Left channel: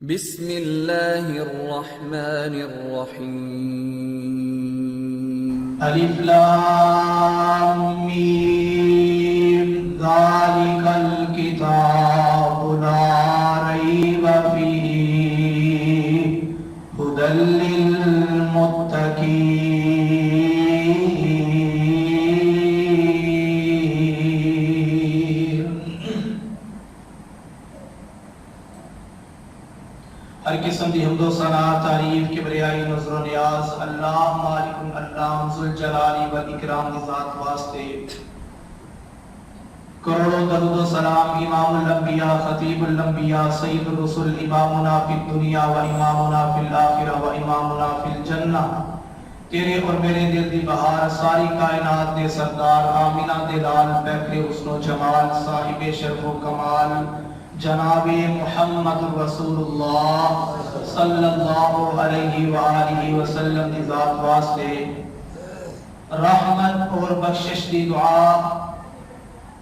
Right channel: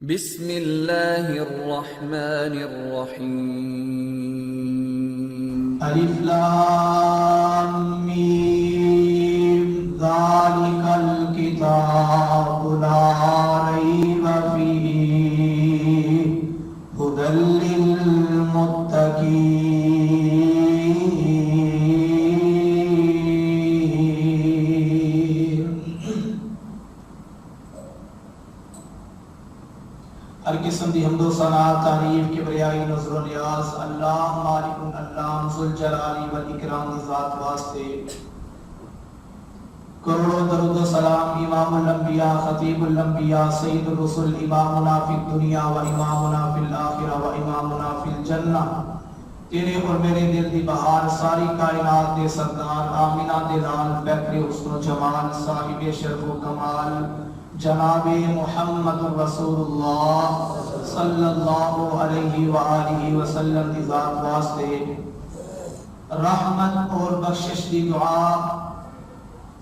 بسم اللہ الرحمن الرحیم الف لام میم ذالک الکتاب لا ریب فیہ ھدی للمتقین۔ ہر قسم دی حمد و ثنا تعریف کبریائی نظر و نیاز اللہ مالک اللہ ذوالجلال والاکرام دی ذات واسطے، کروڑوں درود و سلام امام الانبیاء خطیب الانبیاء سید الرسل امامنا فی الدنیا و امامنا فی الاخرہ و امامنا فی الجنہ، تیرے اور میرے دل دی بہار ساری کائنات دے سردار آمینہ دے لال پیکر حسن و جمال صاحب شرف و کمال جناب محمد رسول اللہ صلی اللہ علیہ وآلہ وسلم دی ذات واسطے رحمت اور بخشش دی دعا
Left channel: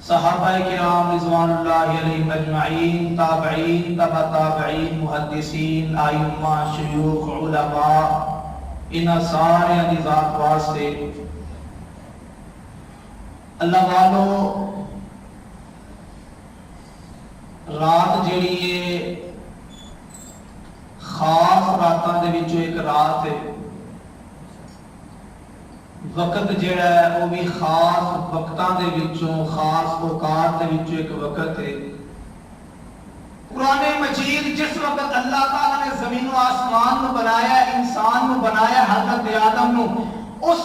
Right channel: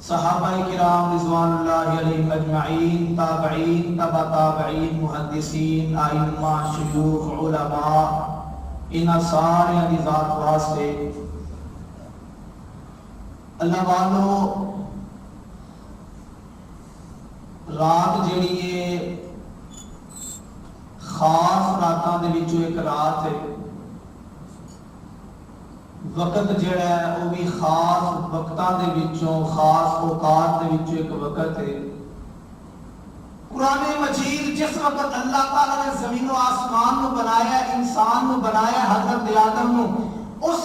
صحابہ کرام رضوان اللہ علیہم اجمعین، تابعین، تبع تابعین، محدثین، ائمہ، شیوخ، علماء، ان سارے دی ذات واسطے۔ اللہ والو، رات جیڑی ہے خاص راتاں دے وچوں ایک رات ہے، وقت جیڑا ہے وہ بھی خاص وقتاں دے وچوں خاص اوقات دے وچوں ایک وقت ہے۔ قرآن مجید جس وقت اللہ تعالیٰ نے زمین و آسمان نو بنایا، انسان نو بنایا، حضرت آدم نو، اس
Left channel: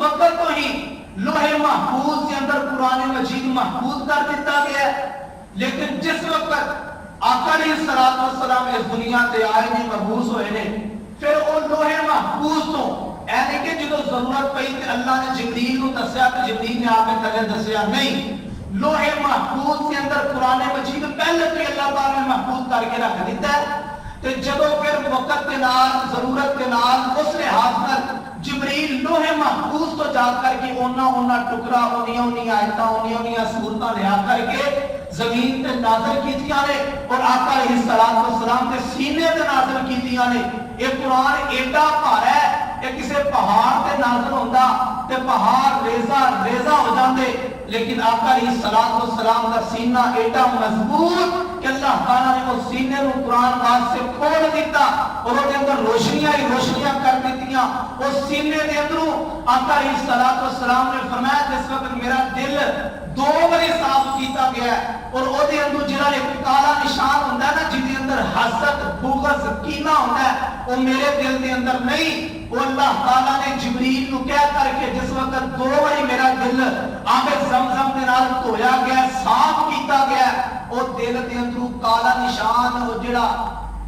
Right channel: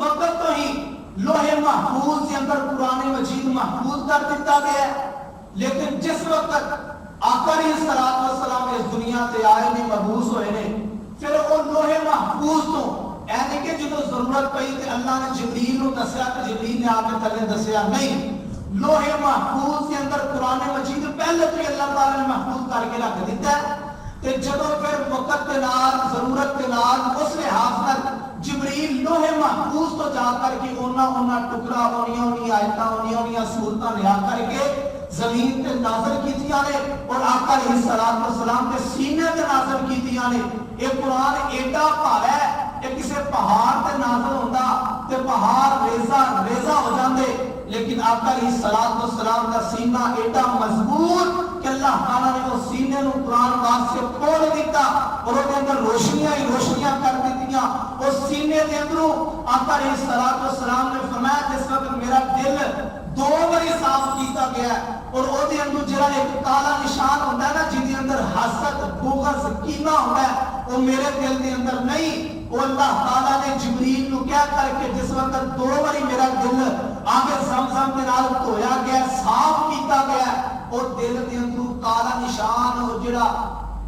وقت تو ہی لوح محفوظ کے اندر قرآن مجید محفوظ کر دیتا گیا، لیکن جس وقت آقا علیہ السلام اس دنیا تے آئے نے، مبعوث ہوئے نے، پھر وہ لوح محفوظ تو یعنی کہ جدو ضرورت پئی تے اللہ نے جبریل نو دسیا کہ جبریل نے آ کے تھلے دسیا نہیں، لوح محفوظ کے اندر قرآن مجید پہلے تو اللہ تعالی نے محفوظ کر کے رکھ دیتا ہے، تے جدو پھر وقت کے نال ضرورت کے نال اس لحاظ نال جبریل لوح محفوظ تو جا کر کے اونا ٹکڑا اونی آیتاں اونی سورتاں لیا کر کے زمین تے نازل کیتیاں نے اور آقا علیہ السلام کے سینے تے نازل کیتیاں نے۔ یہ قرآن ایڈا بھارا ہے، یہ کسے پہاڑ تے نازل ہوندا تے پہاڑ ریزہ ہو جاندے، لیکن آقا علیہ السلام کا سینہ ایڈا مضبوط کہ اللہ تعالیٰ نے وہ سینے نو قرآن پاک سے کھول دیتا اور وہ دے اندر روشنیاں ہی روشنیاں کر دیتیاں۔ اس سینے دے اندروں آقا علیہ السلام نے فرمایا جس وقت میرا دل 2 باری صاف کیتا گیا ہے اور او دے اندر جڑا ایک کالا نشان ہوندا ہے نا، جس دے اندر حسد، بغض، کینہ ہوندا ہے، وہ میرے دل دے اندر نہیں۔ وہ اللہ تعالیٰ نے جبریل نو کہہ کر کے جس وقت 2 باری میرا دل آب زمزم دے نال دھویا گیا، صاف کیتا گیا، او دل دے اندروں کالا نشان، او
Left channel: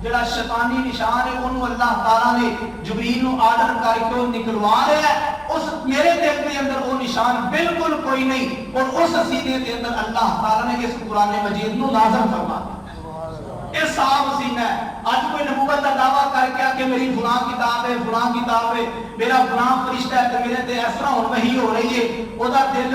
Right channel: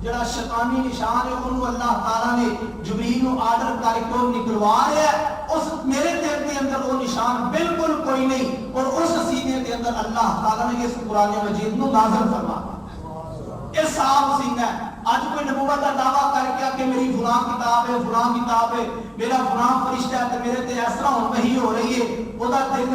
جڑا شیطانی نشان ہے، انہوں اللہ تعالیٰ نے جبریل نو آرڈر کر کے نکلوا رہا ہے۔ اس میرے دل دے اندر وہ نشان بالکل کوئی نہیں، اور اس سینے دے اندر اللہ تعالیٰ نے اس قرآن مجید نو نازل فرما دیا۔ یہ صاف سینہ ہے۔ آج کوئی نبوت کا دعویٰ کر کے کہ میری فلاں کتاب ہے، میرا فلاں فرشتہ ہے تے میرے تے اس طرح ہن وحی ہو رہی ہے، او دا دل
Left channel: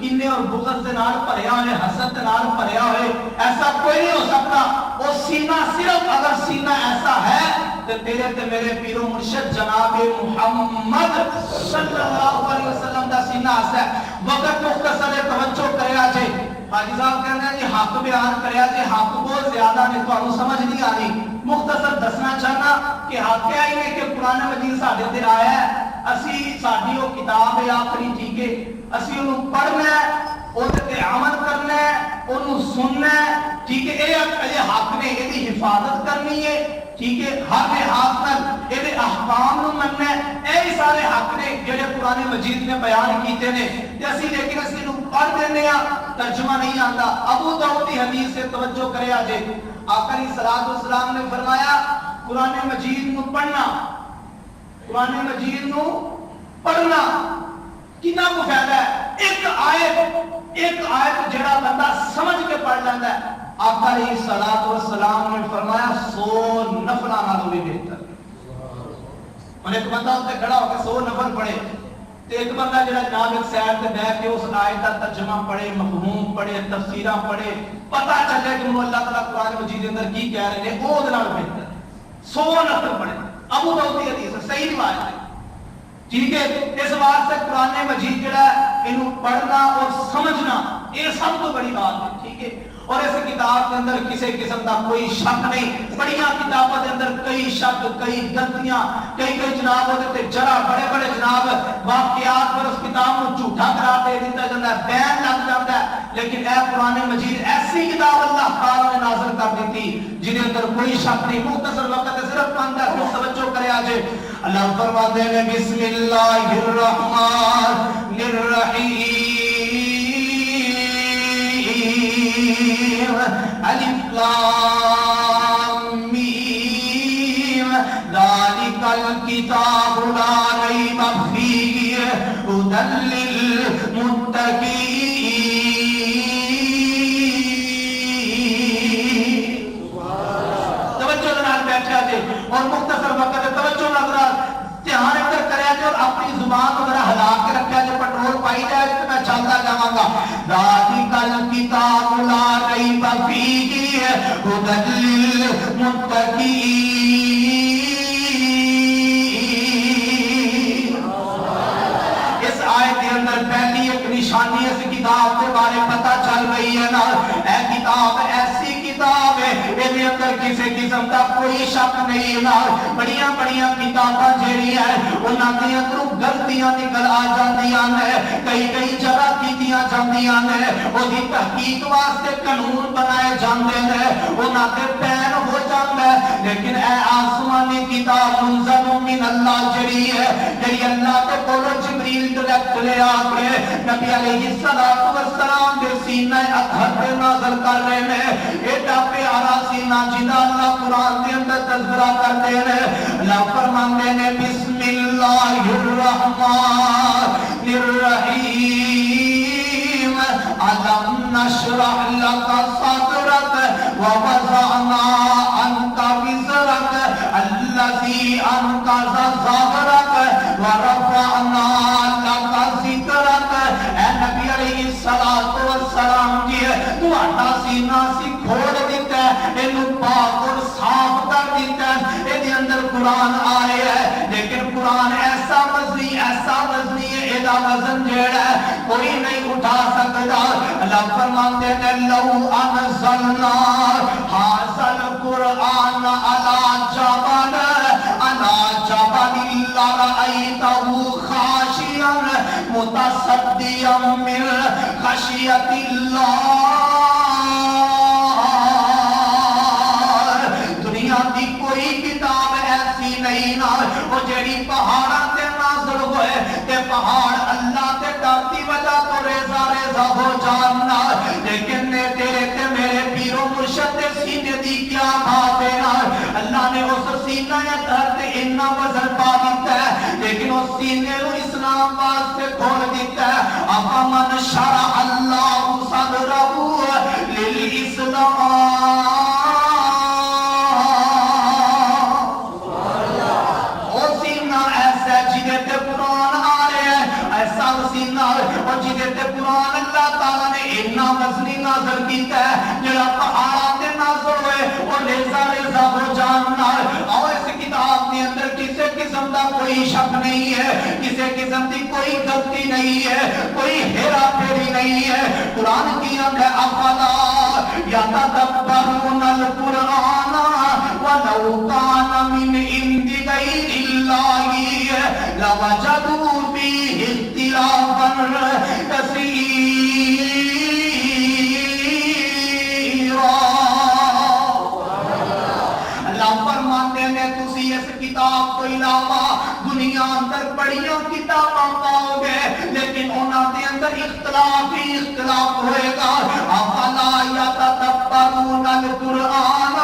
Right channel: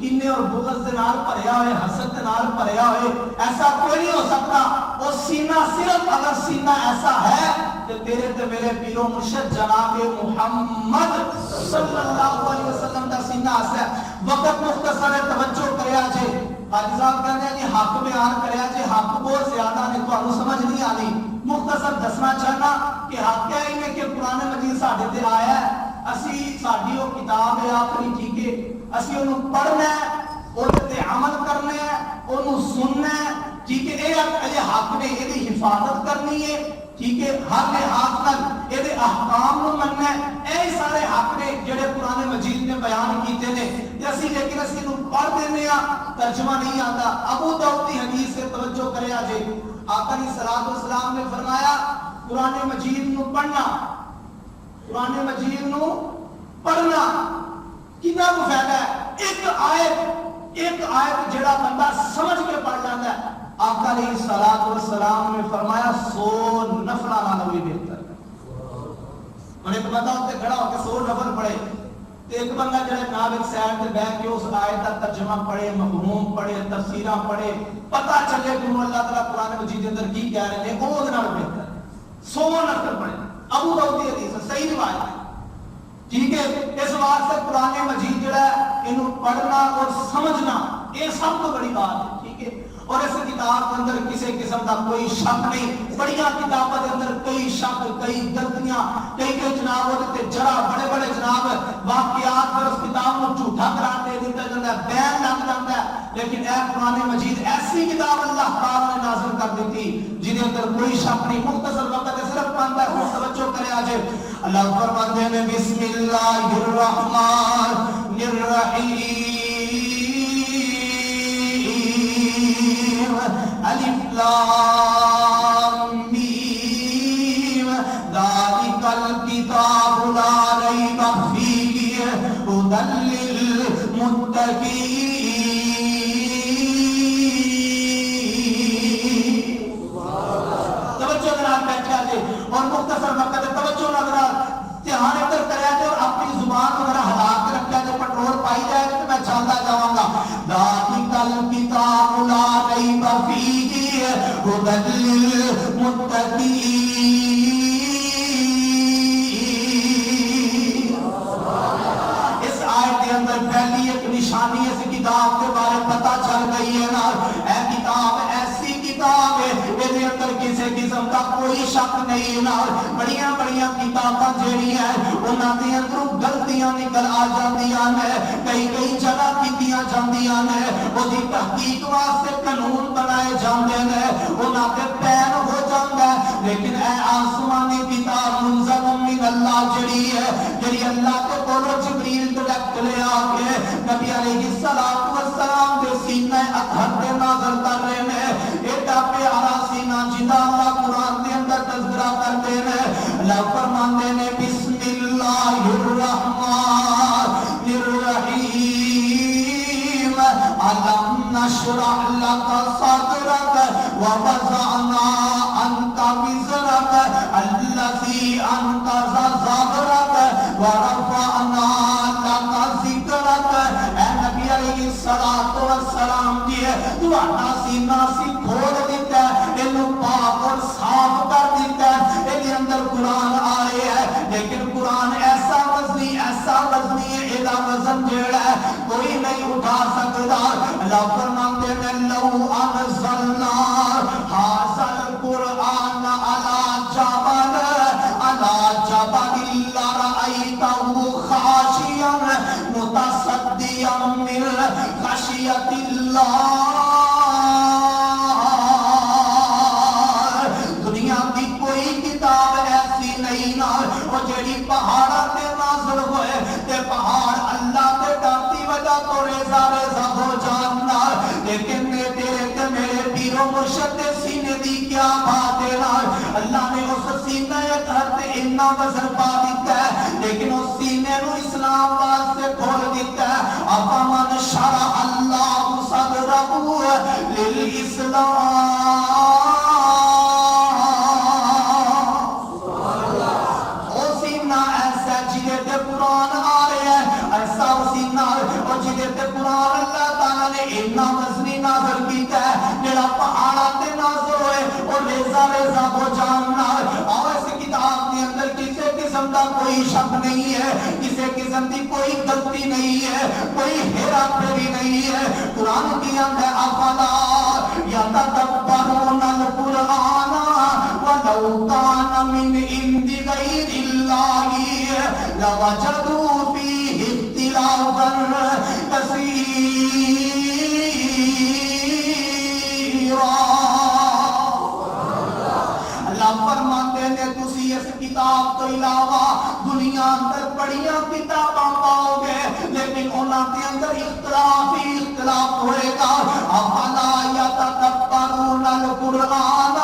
کینے اور بغض دے نال بھریا ہوئے، حسد دے نال بھریا ہوئے، ایسا کوئی نہیں ہو سکتا۔ وہ سینہ صرف اگر سینہ ایسا ہے تے تیرے تے میرے پیر و مرشد جناب محمد صلی اللہ علیہ وسلم دا سینہ ایسا ہے۔ وقت مختصر ہے، توجہ کریا جے۔ حاجی صاحب کہتے ہیں جی حق بیان کریا جے، حق بہت زیادہ نے تو سمجھ نہیں آ رہی، مختصر دسنا چاہنا کہ حق ہے ہی کہ قرآن مجید ساڈے تے آیا ہے، اسی ساڈی وہ کتاب ہے آخری، ٹھیک ہے، اسی انہوں پڑھنا ہے، اودے تے عمل کرنا ہے، انہوں سننا ہے، ٹھیک ہے، یہ حق نے یہ حفاظت کرنی ہے، ٹھیک ہے، ہر لحاظ نال یہ احکام نو مننا ہے، اے سارے حق نے جڑے قرآن مجید نے بیان کیتے نے، اسی لیکن اسی نو پڑھ دینے ہاں، ترجمہ نہیں آتا۔ ابو داؤد کی حدیث سے توجہ کرے آجے، آقا علیہ السلام نے فرمایا قرآن مجید نو پڑھنا، قرآن مجید نو پڑھنا کتنا کو فائدہ ہے؟ ایک آیت جڑا بندہ سمجھ کے پڑھ لیتا ہے، آقا علیہ السلام نے فرمایا 100 نفلہ نالوں بھی بہتر ہے۔ اور ایک بندہ ہوتے کھڑا ہو کے 100 نفل پڑھے تے ایک بندہ جڑا جناب ایک سائڈ تے بیٹھ کے اس آیت کا ترجمہ پڑھے، مفہوم پڑھے، تفسیراں پڑھے، پتہ چلے کہ اللہ تعالیٰ قرآن مجید کے اندر کی کہہ رہے ہیں، وہ دے نال بہتر ہے 100 نفر پڑھے۔ ابو داؤد کی حدیث ہے، صحیح روایت ہے، ٹھیک ہے۔ اس واسطے قرآن مجید جڑا ہے اینو پڑھنا اور سمجھنا یہ سب تو بڑی بات ہے، ٹھیک ہے۔ اور اس کتاب کے اندر کسی قسم کا کوئی شک نہیں، بڑیاں کتابوں کے اندر کئی شک، کئی غلطیاں، کئی جناب ہوتے جرا بڑے بڑے جناب واقعات پر اس کتاب کو جھوٹا قرار دے دیتا جاتا ہے، بین لگ جاتا ہے، لیکن اے قرآن مجید ایسی کتاب اللہ تعالی نے نازل کر دی تھی جن اندر کوئی شک نہیں۔ مختصر وقت صرف 15 منٹ توجہ کرے آج اللہ فرماتے ہیں بسم اللہ الرحمن الرحیم الف لام میم ذالک الکتاب لا ریب فیہ ھدی للمتقین۔ توجہ نال بیٹھا جے اور مختصر وقت توجہ نال دھیان ادھر کریا جے اور اپنی زبان کو ذرا ہلا کے رکھیا جے، پٹرول پائی جائے تو میں چلتا جاواں گا۔ ذالک الکتاب لا ریب فیہ ھدی للمتقین۔ اس آیت کے اندر پہلی ایک نشانی اس کتاب کے بارے پتہ چل گئی ہے نا، اے کتاب ایسی کتاب ہے یہ اندر کسی قسم کا کوئی شک نہیں نا۔ بڑیاں بڑیاں کتاباں جیڑی ہیں انہاں دے اندروں غلطیاں نکل آ جاندیاں نے، کئی جگہ کیتیاں جاندیاں نے، اودی تحقیق واسطے قانون بنائے جاندے نے، انہاں تے پین ہو جاندا ہے، لیکن اے آسمانی کتاب منزل من اللہ جڑی ہے، جڑی اللہ کے کولوں جبریل ڈائریکٹ لے آ کے نبی علیہ الصلوۃ والسلام دے سینہ اطہر پہ نازل کر رہے ہیں۔ ایڈا پیارا سینہ جدا اللہ قرآن کے اندر تذکرہ کرتے ہیں۔ اللہ فرماتے ہیں بسم اللہ الرحمن الرحیم الم نشرح لک صدرک ووضعنا عنک وزرک الذی انقض ظہرک ورفعنا لک ذکرک۔ اے نبی علیہ الصلوۃ والسلام جی تہاڈا سینہ سی کھول دیتا ہے، اینو پاک اور صاف کر دیتا ہے، اے دے اندر قرآن آئے ہے، لیکن قرآن ایسا وزنی ہے، ایدا وزن جیڑا ہے کوئی نہیں اٹھا سکتا۔ اللہ فرماتے ہیں لو انزلنا ھذا القرآن علی جبل لرأیتہ خاشعا متصدعا من خشیۃ اللہ۔ دنیا دی کوئی کتاب ایسی نہیں نا وہ جڑی پہاڑاں تے نازل ہوئے تے پہاڑ اللہ تے ڈرتی وجہ تو ریزہ ریزہ ہو جاننا، لیکن نے تیرے تے میرے پیرو مرشد دے سینے دی کیا بات ہے نا۔ اللہ نے اس سینہ اطہر تے اتنا وزن پا دیتا ہے، لیکن اس سینے نو اسلام واسطے کھول دیتا ہے۔ افمن شرح اللہ صدرہ للاسلام۔ قرآن اللہ تعالیٰ نے اتنا وزنی نازل کیتا ہے جڑا پہاڑاں تے نازل ہوئے اور ریزہ ریزہ ہو جاننا۔ اور اس کتاب کے اندر کسی قسم کا کوئی شک نہیں ہے، کسی قسم کی کوئی غلطی نہیں ہے، کوئی ہیرا پھیری نہیں ہے۔ قرآن کی آنکھ ہے افلا یتدبرون القرآن ولو کان من عند غیر اللہ لوجدوا فیہ اختلافا اللہ فرماتے ہیں تسی اس کتاب تو علاوہ دنیا اندر بڑیاں کتاباں پاؤ گے، لیکن انہاں دے اندر اختلاف ہی اختلاف ہوئے گا۔ افلا یتدبرون القرآن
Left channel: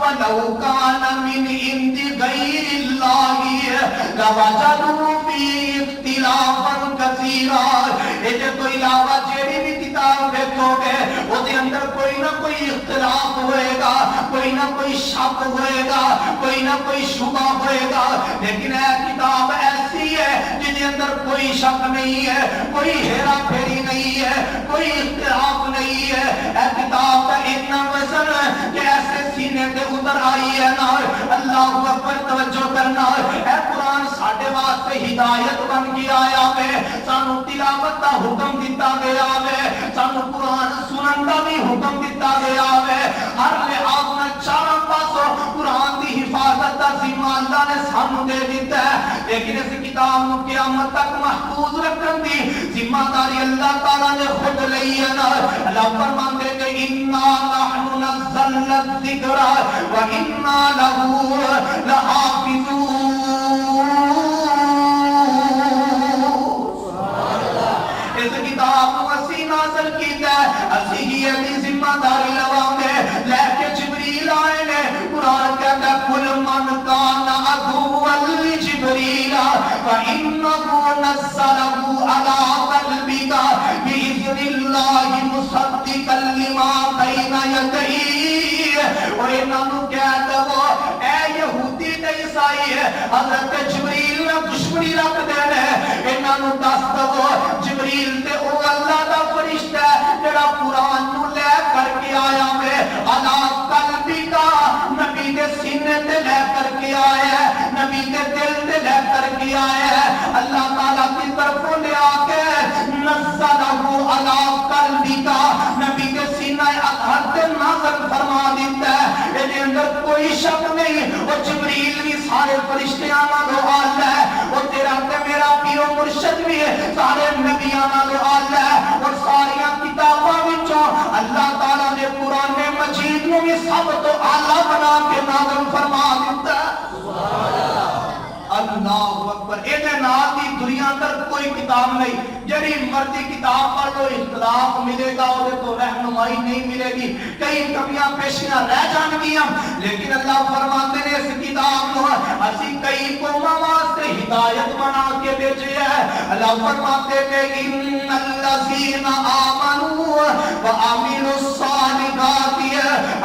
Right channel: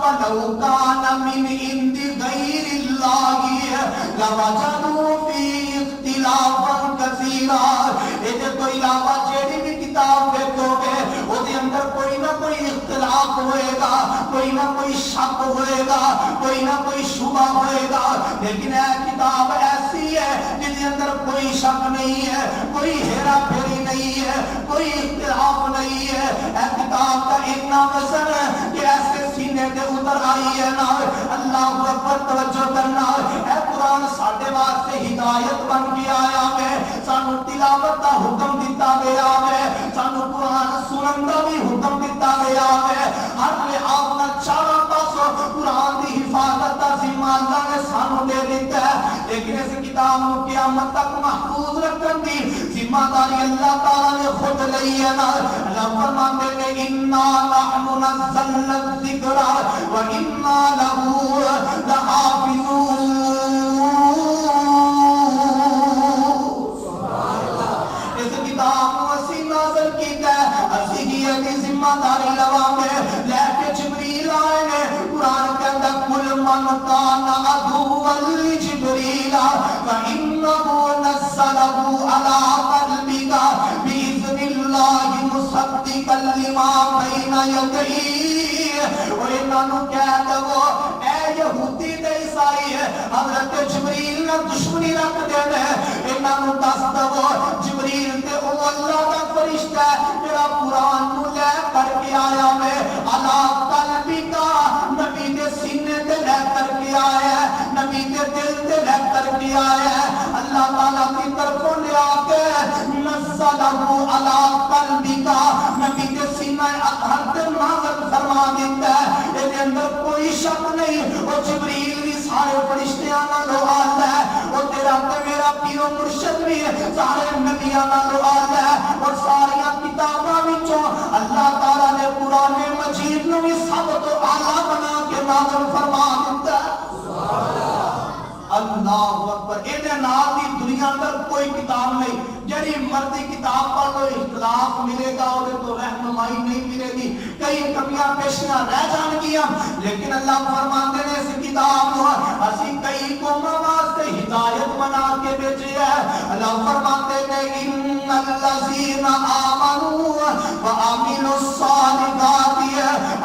ولو کان من عند غیر اللہ لوجدوا فیہ اختلافا کثیرا۔ یہ تو علاوہ جیڑی بھی کتاب دیکھو گے وہ دے اندر کوئی نہ کوئی اختلاف ہوئے گا، کوئی نہ کوئی شک ہوئے گا، کوئی نہ کوئی شبہ ہوئے گا، لیکن اے کتاب ایسی ہے جن کے اندر کوئی کوئی شک نہیں ہے، کوئی ہیرا پھیری نہیں ہے، کوئی اختلاف نہیں ہے۔ اے کتاب کا اتنا وزن کہ ایسے سینے تے اتر آئی ہے نا، اللہ اکبر توجہ کرنا۔ اے قرآن ساڈے واسطے ہدایت بن کے آیا ہے، سانو تلاوت دا حکم دیتا گیا ہے، سانو قرآن سنن دا بھی حکم دیتا گیا ہے۔ ہر لحاظ میں چاروں پاسوں قرآن دی حفاظت دا ذمہ اللہ نے سانو دے دیتا ہے، لیکن اس کتاب نو قیامت تک محفوظ رکھن دی ذمہ داری اللہ تعالی نے خود لئی ہے نا۔ اللہ فرماتے ہیں انا نحن نزلنا الذکر وانا له لحافظون۔ اس کتاب کو اسی نازل کیتا ہے، اسی ہی اپنی ذمہ داری لوانے لے کے جبریل آئے نے۔ قرآن کہتا ہے کل من کان عدوا لجبریل فإنه نزله على قلبك بإذن الله مصدقا لما بين يديه۔ اور انہاں نوں کہہ دو اے یہودی تے عیسائی حضرت جبریل نال دشمنی رکھدے نے، انہاں نوں دس دو جبریل تے او اللہ دا فرشتہ ہے جڑا قرآن نو لے کر کے آیا ہے، علی قلبک نبی دے سینے تے لے کر کے آیا ہے، نبی دے دل تے لے کر کے آیا ہے۔ اللہ تعالیٰ کی طرفوں لے آ کے نزلہ علی قلبک نبی دے سینہ اطہر تے نازل فرما دیتا ہے۔ اس اندر کوئی شک نہیں، وہ جبریل بھی سارے فرشتیاں نالوں اعلیٰ ہے، وہ تیرا تے میرا پیر و مرشد بھی ہے سارے نبیاں نالوں اعلیٰ ہے، اور ساریاں کتاباں وچوں اللہ تعالیٰ نے قرآن مجید نو بھی سب تو اعلیٰ بنا کے نازل فرما دیتا ہے۔ اللہ اکبر۔ اے نال دی دنیا اندر کوئی کتاب نہیں، جڑی مرضی کتاب پڑھ لو اختلاف ملے گا، وہ تو رہنمائی نہیں ملے گی، کئی کمیاں پیشیاں رہ جان گیاں، لیکن اللہ فرماتے ہیں اس کتاب کو اسی کئی قوماں واسطے ہدایت بنا کے بھیجی ہے۔ اللہ فرماتے ہیں ان الذین آمنوا وعملوا الصالحات،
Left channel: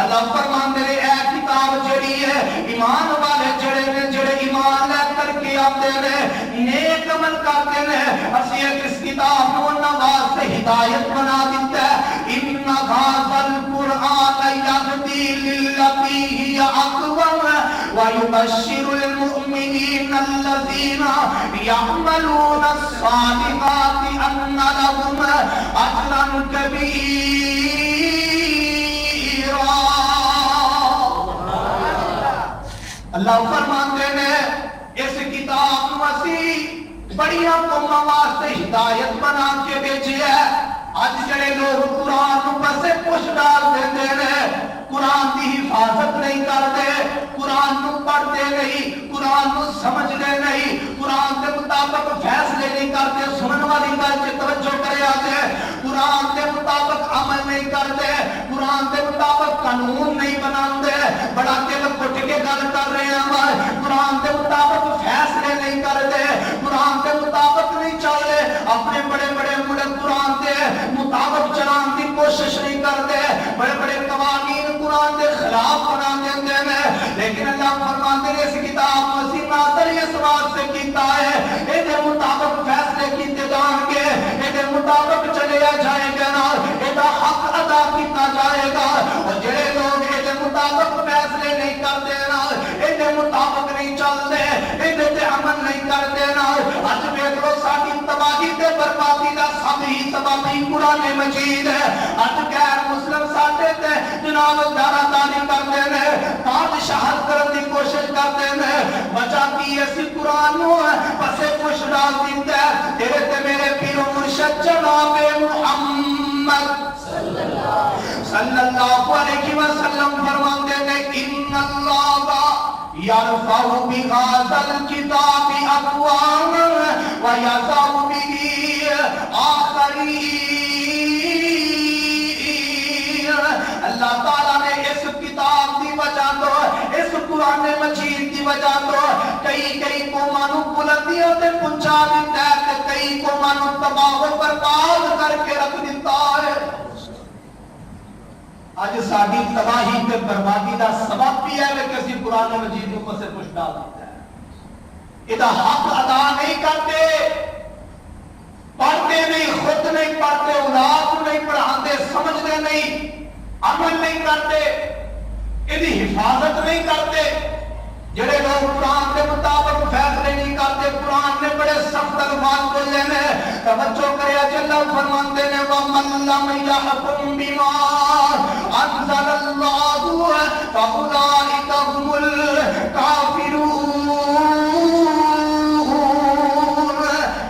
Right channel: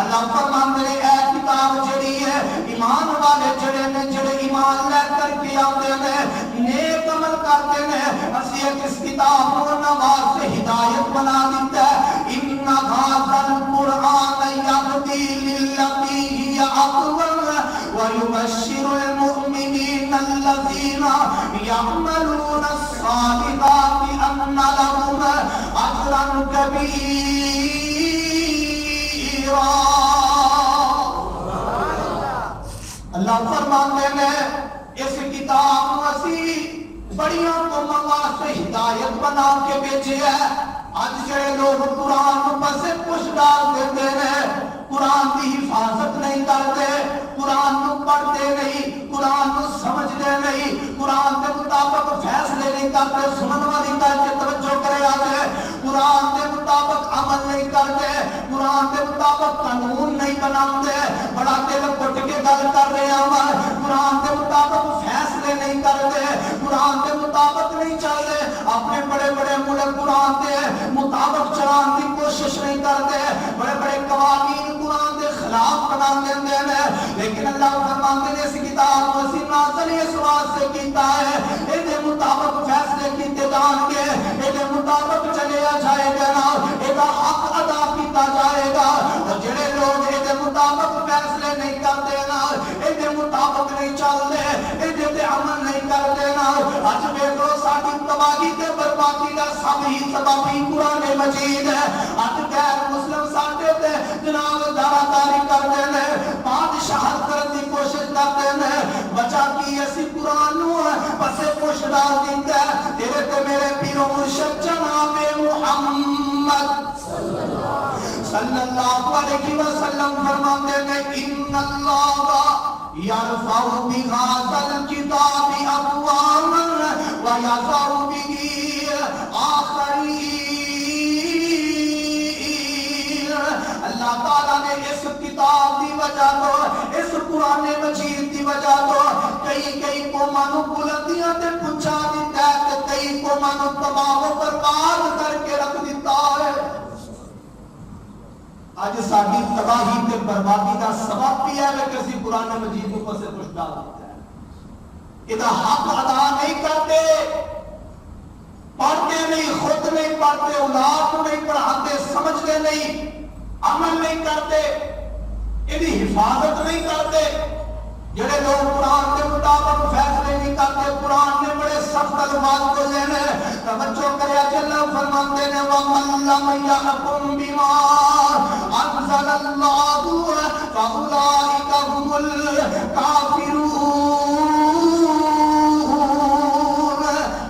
اللہ فرماتے ہیں اے کتاب جڑی ہے ایمان والے جڑے نے جڑے ایمان لے کر کے آتے ہیں نیک عمل کرتے ہیں، اسی اس کتاب کو نواز سے ہدایت بنا دیتا ہے۔ ان ھذا القرآن یہدی للتی ہی اقوم ویبشر المؤمنین الذین یعملون الصالحات ان لهم اجرا کبیرا۔ اللہ فرماتے ہیں اس کتاب کو اسی بڑیاں قوماں واسطے ہدایت بنا کے بھیجی ہے۔ اج جڑے لوگ قرآن پر سے پوچھ ڈال دیتے ہیں، قرآن کی حفاظت نہیں کرتے، قرآن کو پڑھتے نہیں، قرآن کو سمجھتے نہیں، قرآن کے مطابق فیصلے نہیں کرتے، سنن والی گل تے توجہ کرے آتے، قرآن کے مطابق عمل نہیں کرتے، قرآن کے مطابق قانون نہیں بناتے، بڑا دل گھٹ کے گل کر رہے ہیں، قرآن کے مطابق فیصلے نہیں کرتے، قرآن کے مطابق نہیں چل رہے، اپنے بڑے بڑے ملک قرآن کے مطابق چلان کی کوشش نہیں کرتے، بڑے بڑے قوانین قرآن کے خلاف بنا دیتے ہیں، لیکن اللہ فرماتے ہیں اس کتاب کو اسی نازل اس واسطے کیتا ہے، اے مطابق فیصلے کیتے جان گے، اے مطابق چلیا جائے گا نا، اے دا حق ادا کیتا جائے گا، اور جڑے لوگ اے مطابق فیصلے نہیں کرتے نا، اے مطابق نہیں چلتے، اے تے عمل نہیں کرتے نا، اج ویکھو ساڈی تباہی تے بربادی دا سب ہی سبب قرآن مجید ہے۔ اج غیر مسلم ساڈے تے جناب داراداری کرتے ہیں، بادشاہت کرن دی کوشش کرتے ہیں، وجہ کی اسی قرآن نو پسے پوچھ ڈال دیتا ہے۔ تیرے تے میرے پیر و مرشد جناب محمد صلی اللہ علیہ وسلم فرماتے ہیں ان اللہ یرفع بہذا الکتاب اقواما ویضع بہ آخرین۔ اللہ تعالیٰ نے اس کتاب دی وجہ تو اس قرآن مجید دی وجہ تو کئی قوماں نوں بلندیاں تے پہنچا دیتا ہے، کئی قوماں نوں تباہ و برباد کر کے رکھ دیتا ہے۔ آج ساڈی تباہی تے بربادی دا سبب بھی ہے کہ اسی قرآن مجید کے اوپر سے کچھ ڈال دیتا ہے، یہ حق ادا نہیں کرتے، پڑھتے نہیں، خود نہیں پڑھتے، اولاد کو نہیں پڑھاتے، سمجھتے نہیں، عمل نہیں کرتے، انہی حفاظت نہیں کرتے. جڑے لوگ قرآن کے مطابق فیصلے نہیں کرتے، قرآن نے بڑے سخت الفاظ بولے ہیں. توجہ کرے اللہ فرماتے ہیں وَمَن لَّمْ يَحْكُم بِمَا أَنزَلَ اللَّهُ فَأُولَٰئِكَ هُمُ الْكَافِرُونَ.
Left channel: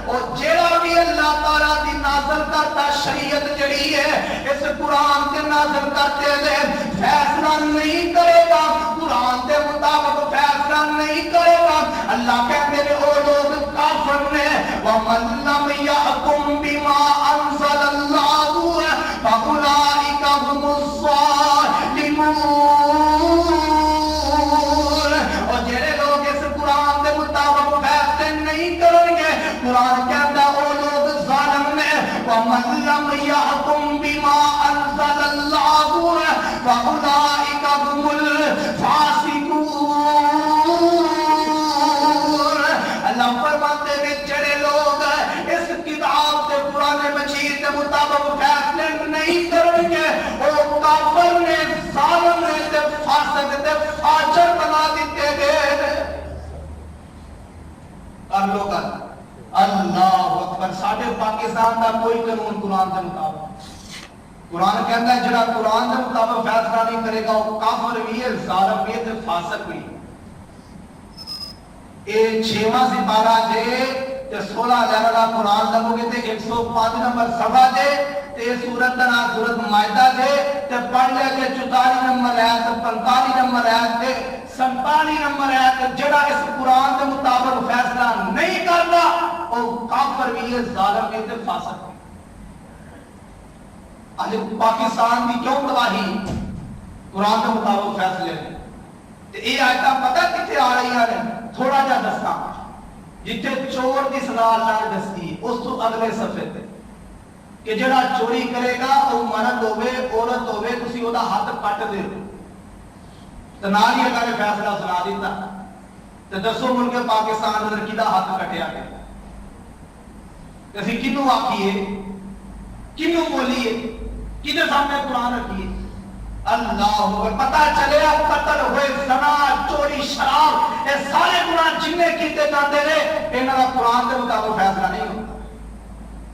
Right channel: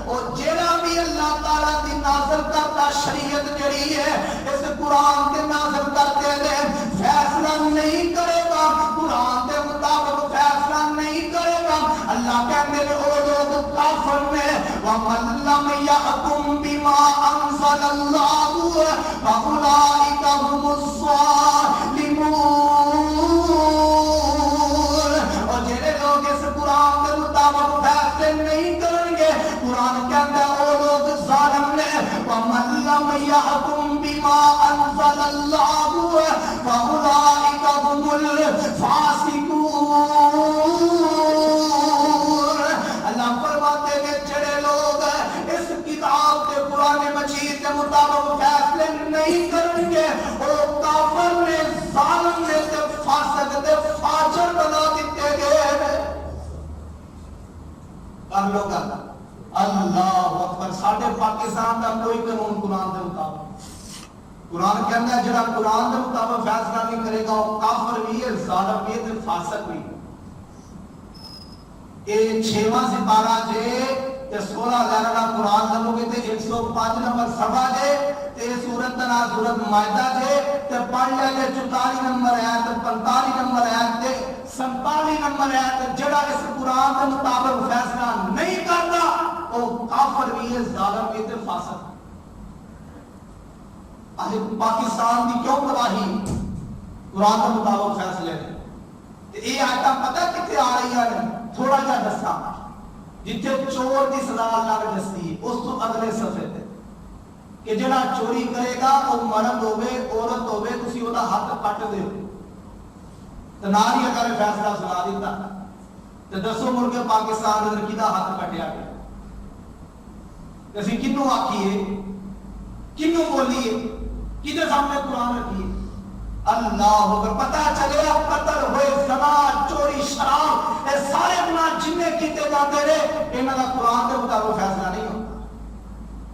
اور جڑا بھی اللہ تعالیٰ دی نازل کرتا شریعت جڑی ہے اس قرآن کے نازل کرتے ہوئے فیصلہ نہیں کرے گا، قرآن کے مطابق فیصلہ نہیں کرے گا، اللہ کہتے ہیں وہ لوگ کافر نے. وَمَن لَّمْ يَحْكُم بِمَا أَنزَلَ اللَّهُ فَأُولَٰئِكَ هُمُ الظَّالِمُونَ. اور جڑے لوگ اس قرآن کے مطابق فیصلے نہیں کریں گے، قرآن کہتا ہے وہ لوگ ظالم نے. وَمَن لَّمْ يَحْكُم بِمَا أَنزَلَ اللَّهُ فَأُولَٰئِكَ هُمُ الْفَاسِقُونَ. اللہ فرماتے ہیں جڑے لوگ اس کتاب کے قرآن مجید کے مطابق فیصلے نہیں کریں گے وہ کافر نے، ظالم نے، فاسق نے، فاجر بنا دیتے گئے. کر لو کر اللہ اکبر. ساڈے پاکستان کا کوئی قانون قرآن کے مطابق، قرآن کہتا ہے جڑا قرآن کے مطابق فیصلہ نہیں کرے گا وہ کافر بھی ہے، ظالم بھی ہے، فاسق بھی ہے. یہ 6واں سپارہ جے تے 16 لہر والا قرآن لگو گے تے 105 نمبر صفحہ جے تے سورت دا نام سورت مائدہ جے تے پڑھ لے گے 44 نمبر آیت 45 نمبر آیت تے 47 نمبر آیت. جڑا اس قرآن کے مطابق فیصلہ نہیں کرتا وہ کافر بھی ہے، ظالم بھی ہے، فاسق بھی. آج پاکستان کی کیوں تباہی قرآن کے مطابق فیصلے نے. یہ آیتاں پتہ کتنے آ رہی ہیں؟ تھوڑا جا دساں جتھے چور کی صلاح اللہ نے دستی اس تو اگلے صفحے تے کہ جڑا چوری کرے گا وہ مرد ہوے عورت ہوے تسی او دا ہاتھ کٹ دیو. تے نال ہی اللہ نے فیصلہ سنا دیتا. تے دسو ملک پاکستان دے کدا ہاتھ کٹیا گیا؟ اسی کینوں آکھیے، کینوں بولیے، کدے سامنے قرآن رکھیے؟ اللہ اکبر. پتہ چلے قتل ہوئے، زنا، چوری، شراب، یہ سارے گناہ جننے کیتے جاندے رہے انہاں دا قرآن دے مطابق فیصلہ نہیں ہوتا.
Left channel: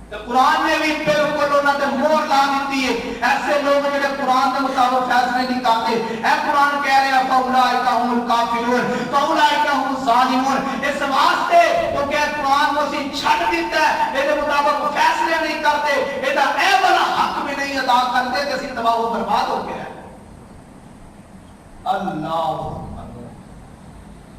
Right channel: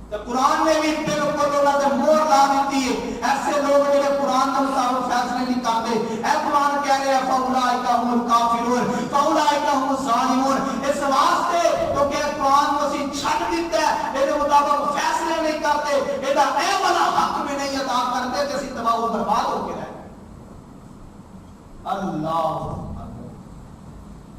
تو قرآن نے بھی بالکل انہاں تے مہر لا دیتی ہے. ایسے لوگ جڑے قرآن کے مطابق فیصلے نہیں کرتے، اے قرآن کہہ رہے ہیں فاولئک هم الکافرون فاولئک هم الظالمون. اس واسطے تو کہ قرآن کو اسی چھڈ دیتا ہے، اے دے مطابق فیصلے نہیں کرتے، اے دا اے والا حق بھی نہیں ادا کرتے کہ اسی تباہ و برباد ہو گئے. اللہ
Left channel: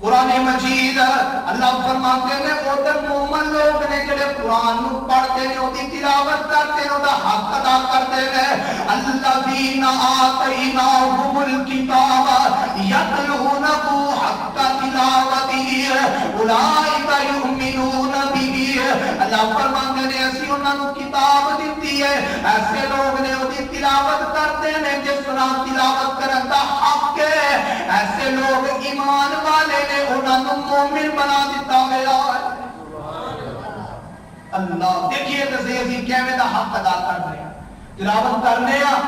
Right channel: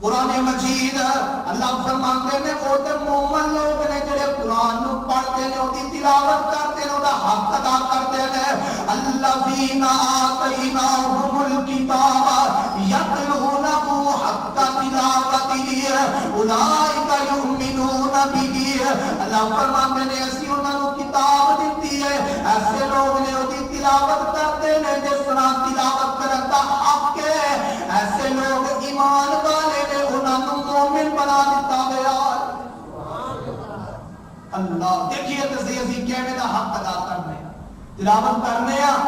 قرآن مجید اللہ فرماتے ہیں وہ تے مومن لوگ نے جڑے قرآن نو پڑھتے ہیں اودی تلاوت کرتے ہیں، ادا حق ادا کرتے ہیں. الذین آتیناہم الکتاب یتلونہ حق تلاوتہ اولئک یؤمنون بہ. اللہ فرماتے ہیں اسی انہاں نو کتاب دیتی ہے، ایسے لوگ نے اودی تلاوت کرتے ہیں جس طرح تلاوت کرن دا حق ہے. ایسے لوگ ایمان والے نے انہاں نو مومن بنا دیتا گیا. اللہ دیکھیے تے صحیح اسی کیویں دا حق ادا کر رہے ہیں. تلاوت کرنے ہیں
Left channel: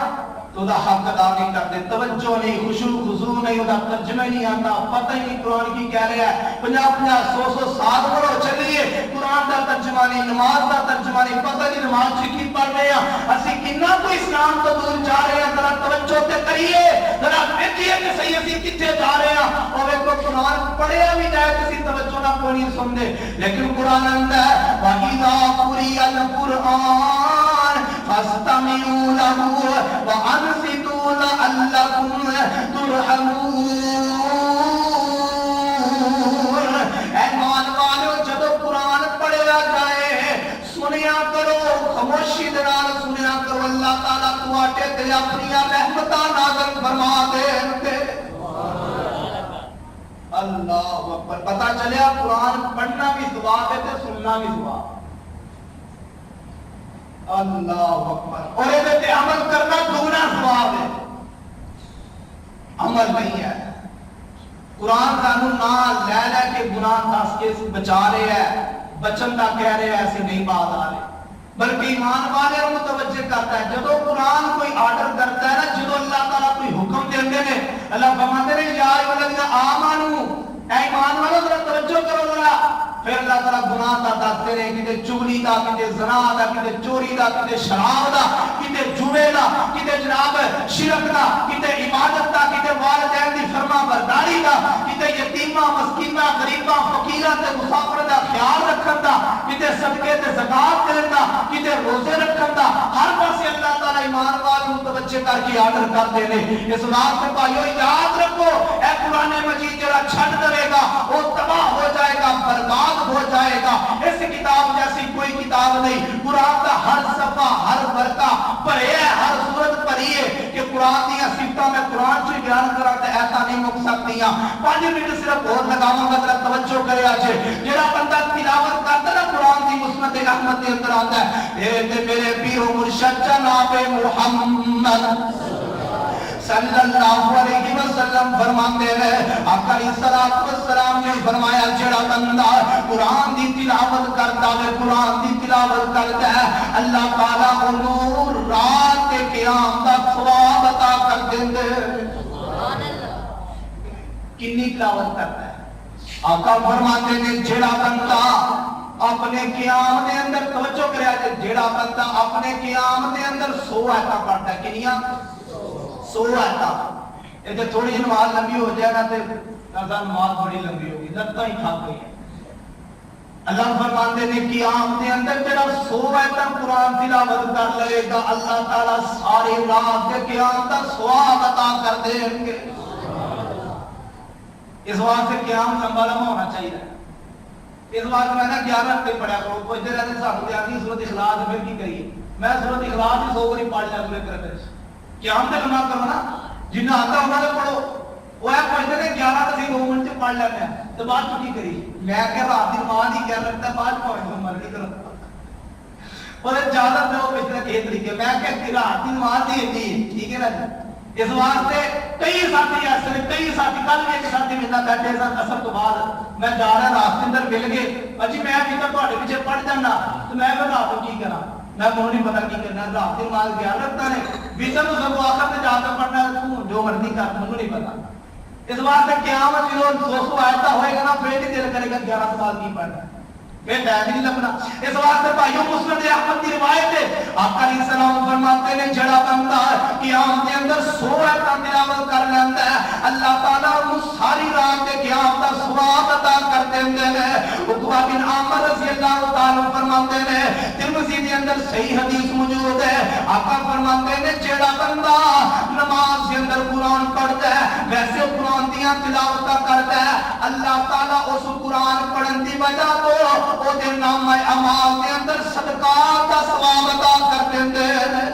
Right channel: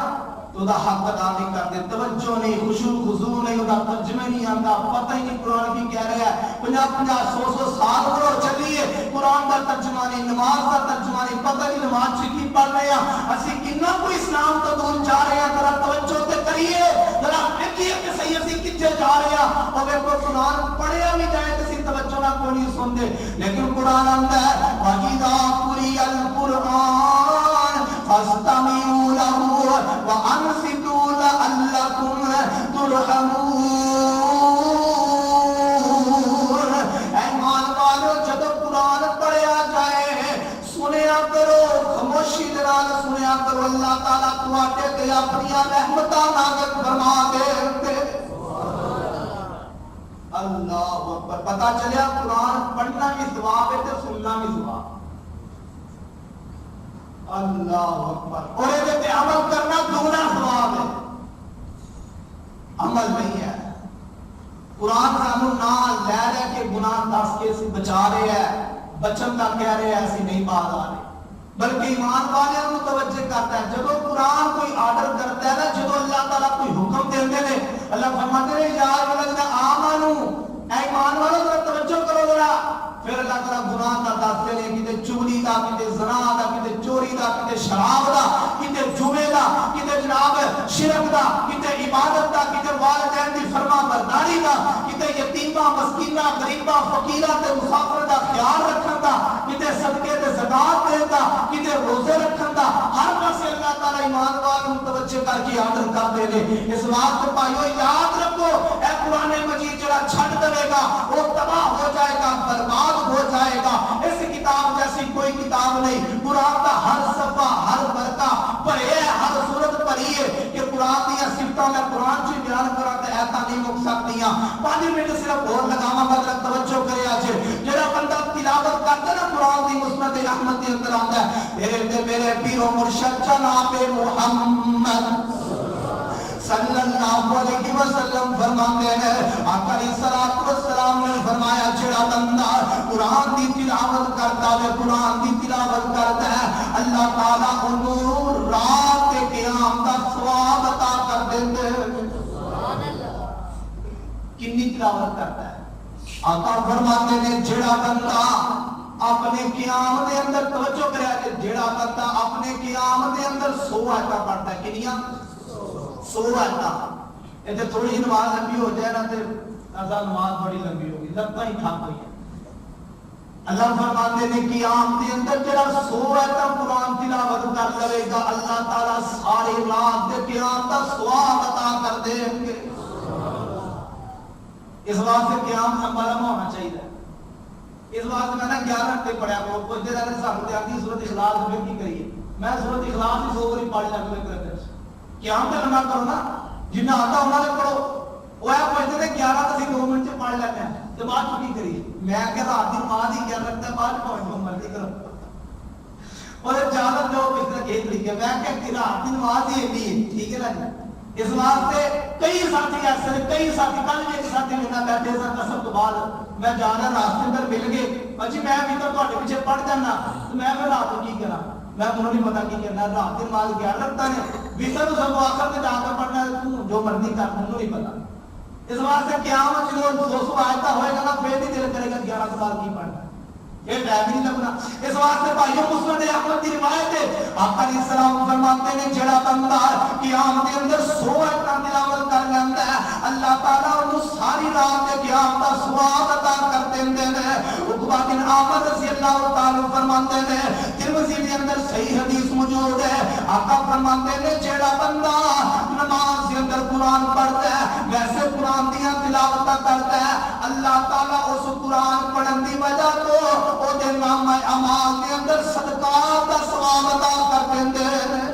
تو دا حق ادا نہیں کرتے، توجہ نہیں، خشوع خضوع نہیں، ادا ترجمہ نہیں آتا، پتہ ہی نہیں قرآن کی کہہ رہا ہے. 50 100 سال برو چلیے قرآن دا ترجمہ نہیں، نماز دا ترجمہ نہیں، پتہ نہیں نماز کی پڑھ رہے ہیں. اسی کتنا کو اسلام تو دور جا رہے ہیں. ذرا توجہ تے کریے، ذرا دیکھیے کہ صحیح اسی کتنے جا رہے ہیں. اور ویکھو قرآن پڑھیا بھی جائے تو اسی توجہ نہ کوئی نہیں سن دے. لیکن قرآن آندا ہے وَإِذَا قُرِئَ الْقُرْآنُ فَاسْتَمِعُوا لَهُ وَأَنصِتُوا لَعَلَّكُمْ تُرْحَمُونَ. ایمان والو جب قرآن پڑھیا جائے سنیا کرو، خاموشی دے نال سنیا کرو. اللہ تعالیٰ تواڈے تے اپنی رحمتاں نازل فرما دے. اللہ اکبر. پتہ چلیا قرآن پڑھنا بھی ثواب ہے تے سننا بھی ثواب. اللہ اکبر. اور یہ تے عمل کرنا دونا ثواب ہے، عمل نہیں ہے. قرآن سانو نہ لے لے کے گناہ دس کے بچا رہے ہیں، بچن کا کہہ رہے ہیں ایسے نہیں باز آ رہے. بلکہ ایمان والے کو متوجہ کرتا ہے. جب قرآن کوئی آرڈر کرتا ہے نا, جب اللہ تعالیٰ کوئی حکم دیتے ہیں, اللہ فرماتے ہیں یا ایھا آمنو, اے ایمان والو ذرا توجہ کرو ذرا. پھر اللہ تعالیٰ گناہ دا دستے ہیں, کتے چغلی دا, کتے زنا دا, کتے چوری دا, کتے شراب دا, کتے جوے دا, کتے جناب شرک دا, کتے عبادت دا, کتے والدین دی فرما برداری دا, کتے یتیماں مسکیناں غریباں فقیراں تے مسافر دا خیال رکھن دا, کتے صدقے تے زکات دین دا, کتے روزے رکھن دا. ہر پاسے اللہ تعالیٰ ایمان والوں متوجہ کر کے آرڈر کر دے نے. اس واسطے بھائیو یاد رکھو, اے قرآن مجید جڑا چھڈ دے گا وہ تباہ ہو جائے گا, برباد ہو جائے گا. اس کتاب جیسی کوئی کتاب نہیں. قرآن کا ہر صفحہ, ہر برقہ پڑھے ہے, ہر سورت پڑھی ہے کہ قرآن دی صفتاں میں قرآن چ بیان کراں تے ایسا نہیں مک سکتیاں. 5 منٹ صرف اور لگاواں گا, ذرا توجہ کرے اج. جڑا بندہ تلاوت کردا نا قرآن دی مسند رحمت دے اندر آندا ہے, اے میرے پیر و مرشد جناب محمد صلی اللہ علیہ وسلم فرماتے ہیں, آقا علیہ الصلوۃ والسلام نے فرمایا جڑا بندہ قرآن دی تلاوت کرتا ہے, قرآن دی تلاوت کرتا ہے, اللہ تعالیٰ انہوں رات کے قیام دا ثواب عطا کر دیندے. سبحان اللہ. کتنی تلاوت کرتا ہے. آقا فرماتے ہیں جڑا بندہ اپنے قیام دے اندر, توجہ کریا جے, جڑا بندہ اپنے قیام دے اندر 100 آیتاں پڑھتا ہے. کنیاں 100 آیتاں. یہ تھوڑی نماز لمبی ہو جائے نا تے نماز بڑی لمبی ہوگی, لگتا ہی تھک گئی ہے. اللہ فرماتے ہیں قیام دے اندر جڑا 100 آیتاں قرآن تلاوت کر لے گا, اللہ تعالیٰ ساری رات کے قیام دا ثواب عطا کر دیں گے. اس واسطے قیام لمبا لمبا ہونا چاہیے. اس واسطے میں نے 11 گھنٹے پڑھا کرو. پوچھتے رہتے سانو تے آندی سورۃ اخلاص, پھر کی کریے. میں سورۃ اخلاص ہی 100 باری پڑھ لیا پورے کرتے. قیام تے لمبا کرو نا, جنہ آتا انہاں نے پڑھو. وہ ہے پوچھتے تھے 11 تے 2 منٹ چ پڑھ لیتے ہیں تے بعد چھٹی کری. میں کہ رات دی نماز ہی کیا رکھتا ہے, بعد پڑھ لو مرضی کرو. اور زیادہ جو پچھلے کھیت لکھے, میں کہ رات دی نماز ہی ہے, ٹھیک ہے نا جی. اس واسطے کئی ساتھی ایسے, کئی ساتھی, کل بھی ایک ساتھی میرے نال بیٹھے سن اثر تو بعد میں جا رہا راستے اندر مل گئے, اجی میں بھی تو تواڈے پیچھے پڑھ جانا, تو میں پھر رات کی کراں, میں کو نہیں پتا کی کرنا. رات دی نماز گیا رکھتا نے ویسا تو سب آخر تے جا کے پڑھنا, تو جو مرضی کر, مجھے نہیں پتا. اس واسطے قیامت جو 200 آیتاں ہوئے گا نا, پھر نہیں دل کرے گا 11 سال کی پڑھنا, پھر ٹائم نہیں لگنا. اس واسطے بھائیوں مسند احمد کی روایت ہے, آقا علیہ السلام فرماتے ہیں جڑا بندہ قیام دے اندر 100 آیتاں تلاوت کر لیتا ہے, اللہ تعالیٰ انہوں ساری رات کے قیام دا ثواب عطا کر دیندے ہیں. عقبہ بن عامر رضی اللہ تعالیٰ فرماتے ہیں, ترمذی کے اندر صحیح حدیث موجود ہے, آقا فرماتے ہیں جڑا بندہ نماز کے اندر قرآن پڑھتا ہے, ویسے قرآن دیاں تلاوت کرتا ہے, اللہ تعالیٰ اس قرآن پڑھن دی وجہ تو او دے نام اعمال دے اندر صدقات دا ثواب عطا کر دیندے ہیں.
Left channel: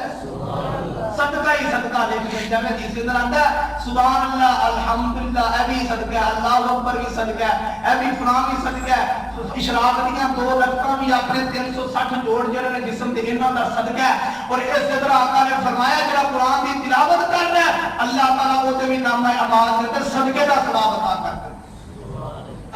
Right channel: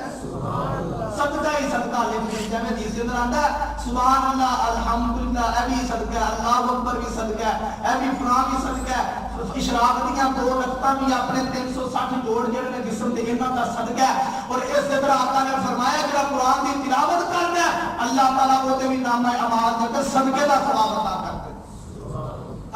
صدقہ ہی صدقہ لکھ دیں, جب جس کے اندر آتا ہے سبحان اللہ الحمدللہ, اے بھی صدقہ ہے, اللہ اکبر بھی صدقہ ہے, اے بھی فلاں بھی صدقہ ہے, اشراق دیاں 2 رکعتاں بھی اپنے 360 جوڑ جڑے نے جسم دے انہاں دا صدقہ ہے. اور اس دے اندر آقا نے فرمایا جڑا قرآن دی تلاوت کرنا ہے, اللہ تعالیٰ او دے بھی نام اعمال دے اندر صدقے دا ثواب عطا کر دے.